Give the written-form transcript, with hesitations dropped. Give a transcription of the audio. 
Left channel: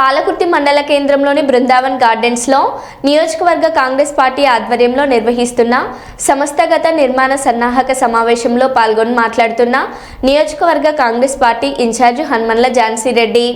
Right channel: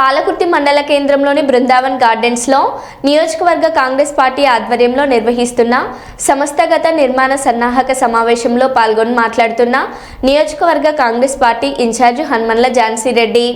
పాలకుర్తి మండల కేంద్రంలోని బృందావన్ గార్డెన్స్లో నియోజకవర్గ కాంగ్రెస్ పార్టీ ఆధ్వర్యంలో నిర్వహిస్తున్న సంస్థాగత నిర్మాణ సన్నాహక సమావేశంలో పాల్గొని మాట్లాడుతున్న నియోజకవర్గ కాంగ్రెస్ పార్టీ ఇన్ఛార్జ్ హనుమన్ల ఝాన్సీ రెడ్డి.